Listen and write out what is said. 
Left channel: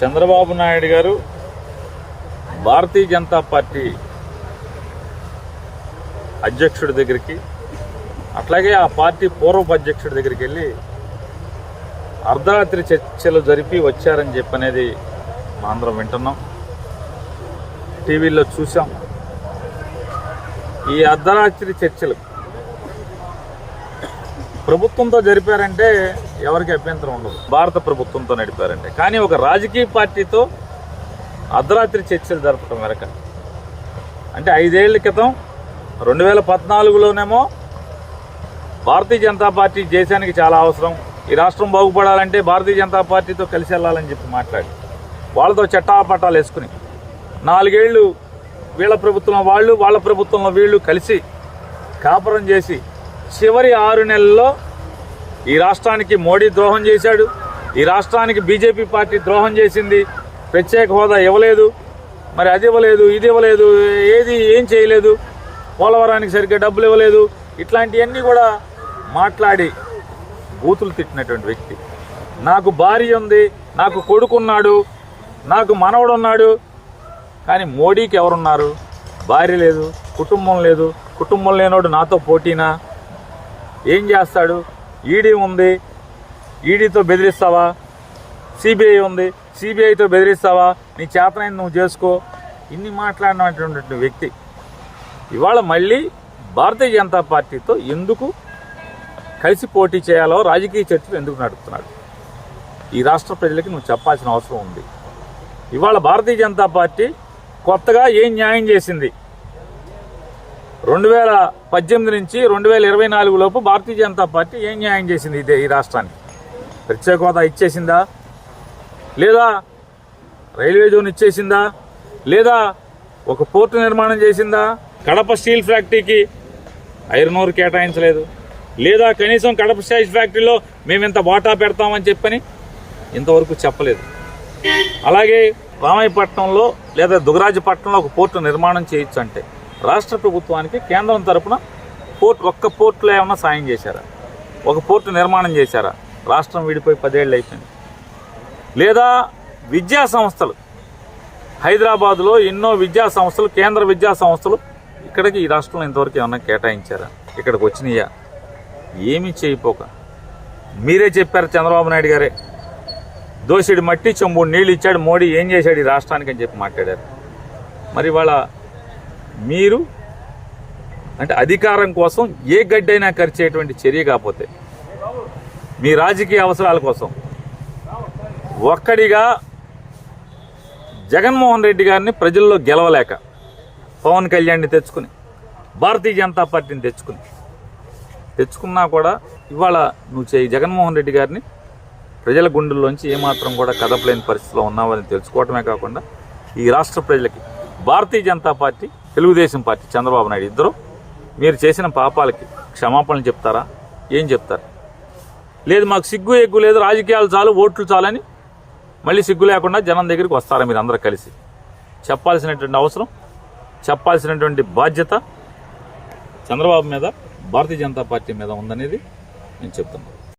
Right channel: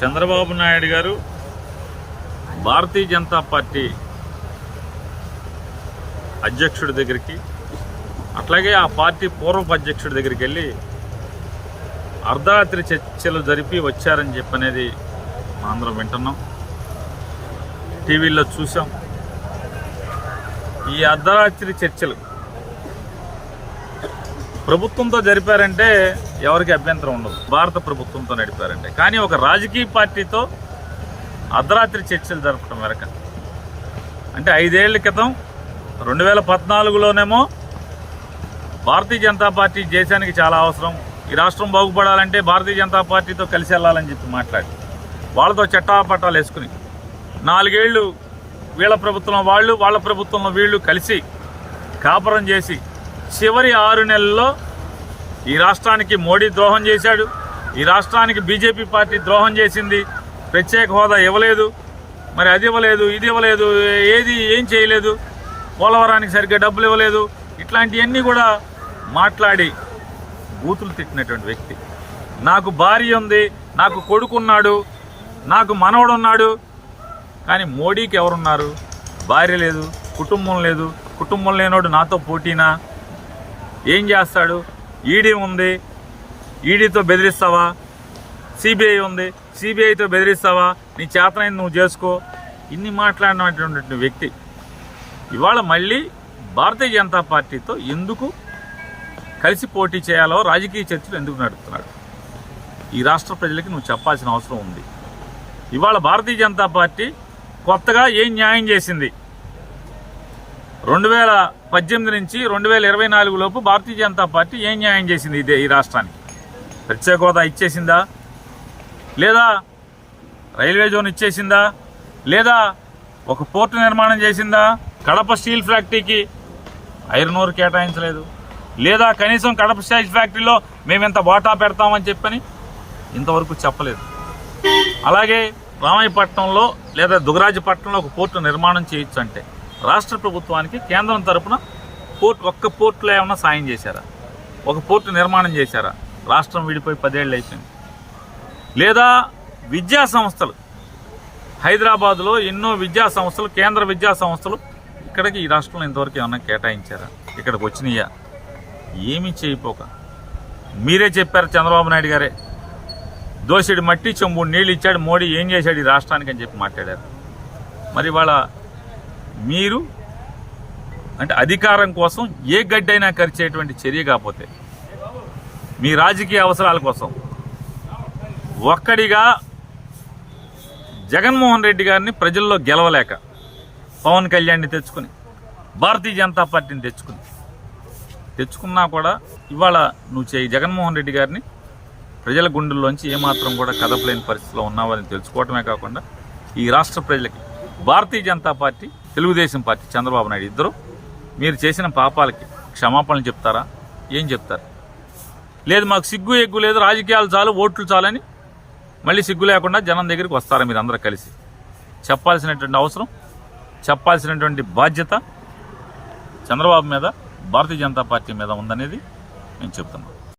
చంద్రబాబు నాయుడు గారు భారతీయ జనతా పార్టీ అధ్యక్షుడి దగ్గరికి అట్లాగే ఆ పార్టీ పూర్వపు అధ్యక్షుడి దగ్గరికి వెళ్ళి అర్ధరాత్రి చర్చలు జరిపి వచ్చారని చెప్పనేది మా అందరం వింటున్నాం. టీవీలో చూసాం. ఈ అర్ధరాత్రి చర్చలు ప్రభుత్వంతో జరిపారంటే ఎవరికి అభ్యంతరం ఉండదు. భారత ప్రభుత్వంతో నడిపారంటే. కానీ ఒక రాజకీయ పార్టీతో అర్ధరాత్రి చర్చలు జరపడం వెనక. అంటే ఐదేళ్ళ క్రితం రెండు వేల పద్నాలుగులోనేమో భారతీయ జనతా పార్టీ దేశానికి చాలా అవసరం. ఈ రాష్ట్రం బాగుపడాలంటే భారతీయ జనతా పార్టీతో కలిసి వెళ్ళాలని చెప్పి మాట్లాడి. వాళ్ళతో చట్టాపట్టాలు వేసుకుని నాలుగేళ్ళు వీళ్ళ ప్రభుత్వంలో వాళ్ళు వాళ్ళ ప్రభుత్వంలో వీళ్ళు కలిసి కాపురం చేసి చివరి ఆరు నెలల్లో ఈ రాష్ట్రానికి మోడీ ద్రోహం చేశాడు. ఈ రాష్ట్రానికి బీజేపీ పార్టీ ద్రోహం చేసింది. ప్రత్యేక హోదా ఇవ్వలేదు. మరి అది ఇవ్వలేదు ఇది ఇవ్వలేదు ఏది ఏం చేయలేదు. పోలవరానికి సరిగ్గా డబ్బులు ఇవ్వలేదు. ఇట్లాంటివన్నీ కూడా మాట్లాడి బూతులు తిట్టినటువంటి వ్యక్తి. నాకు భార్య ఉంది నాకు కొడుకున్నాడు నాకు మనవడు ఉన్నాడు కానీ మోడీకి ఎవరున్నారు? భార్య లేదు కుటుంబం లేదు. కుటుంబం లేనోడు నాతో పోటీనా? ఏం చేస్తాడు? ఈడీ ఉంది. ఈడీతో బెదిరిస్తావా? సిబిఐ ఉంది. సిబిఐతో బెదిరిస్తావా? నీ చేతనైంది నువ్వు చేసుకో. ఇన్ని మాట్లాడినటువంటి వ్యక్తి. ఇవాళ మళ్ళీ భారతీయ జనతా పార్టీతో ఎందుకు కలిసి పోటీ చేయాలో రాజకీయ చర్చలు ఎందుకు నడుపుతున్నాడు? ఈ రాష్ట్ర ప్రజలకి నువ్వు చెప్పాల్సిన అవసరం ఉంది. ఇవాళ భారతీయ జనతా పార్టీ కొత్తగా ఏం న్యాయం చేసింది? రెండు వేల పద్దెనిమిది నుంచి రెండు వేల ఇరవై నాలుగు లోపు భారతీయ జనతా పార్టీ ఏం న్యాయం చేసింది ఇదే ఈ రాష్ట్రానికి? ప్రత్యేక హోదా ఇచ్చేసిందా? లేదా రైల్వే జోన్ ఇచ్చేసిందా? లేదా ఒక పోర్టు నిర్మాణం చేసిందా? కడప స్టీల్ ఫ్యాక్టరీకి ఐరన్ ఓర్ కేటాయించలేదు. లేదా కనీసం కడప స్టీల్ ఫ్యాక్టరీలో మేము ఇంత వాటా పెడతామని చెప్పని ఇంతవరకు చెప్పలేదు. అలాగే రామాయపట్నంలో లేదా దుగరాజపట్నంలో ఒక పోర్టు నిర్మాణం చేయొచ్చు అంటే రాష్ట్ర ప్రభుత్వానికి కేంద్రం తరపున పోర్ట్ ఒక్క పోర్టులో ఏమైనా సాయం చేశారా? ఒక పోర్టు నిర్మాణం చేశారా? రాష్ట్రం విడిపోయి పదేళ్ళు అయిపోయింది. లేదా విద్యా సంస్థలు హైదరాబాద్లో ఎన్నో విద్యా సంస్థలు కేంద్ర విద్యా సంస్థలు ఇక్కడికి ఈ రాష్ట్రంలో ఇంతవరకు ఏమన్నా కేటాయించారా? ఇక్కడికి వచ్చినాయా? ఏమీ చేయిపోక. మీరే చెప్పారు చంద్రబాబు నాయుడు గారే. దోసిడి మట్టి చెంబు నీళ్ళు ఇచ్చాడు మోడీ ఏం చేశాడు ఈ రాష్ట్రానికి అని చెప్పి మాట్లాడారు. మరి వాళ్ళ మీరు అంటే అధికారం కోసం ఏ గడ్డైనా ఖర్చేటువంటి చర్య కాకపోతే మీ రాజకీయ అవసరాల కోసం ఒక్కడిగా జగన్మోహన్ రెడ్డి గారిని ప్రజల్లో గెలవలేక పవన్ కళ్యాణ్ని తెచ్చుకుని భారతీయ జనతా పార్టీని తెచ్చుకుని తెచ్చుకున్నా కూడా ఇవాళ నువ్వు చేయి జగన్మోహన్ రెడ్డి గారిని ప్రజల గుండెల్లోంచి ఏమాత్రం కూడా కదపలేని పరిస్థితిలో ఉన్నావని తెలుసుకోవటమే కాకుండా ఈ రాష్ట్ర ప్రజలకి భారతీయ జనతా పార్టీ తెలుగుదేశం పార్టీ చంద్రబాబు నాయుడు ఇద్దరు. మీరు చేసిన పాపాలకి క్షమాపణలు చెప్తారా? ఏం చెప్తారు? లేదు మాకు సిగ్గు ఎగ్గు లేదు రాజకీయాలు చాలు ఓట్లు చాలని మళ్ళీ సిగ్గు లేకుండా జనం దగ్గరికి వస్తారా మీరు అందరూ కలిసి? చెప్పాల్సినటువంటి అవసరం చెప్పాల్సినటువంటి బాధ్యత చంద్రబాబు మీద భారతీయ జనతా పార్టీ మీద ఉందనేది నేను చెప్తున్నాను.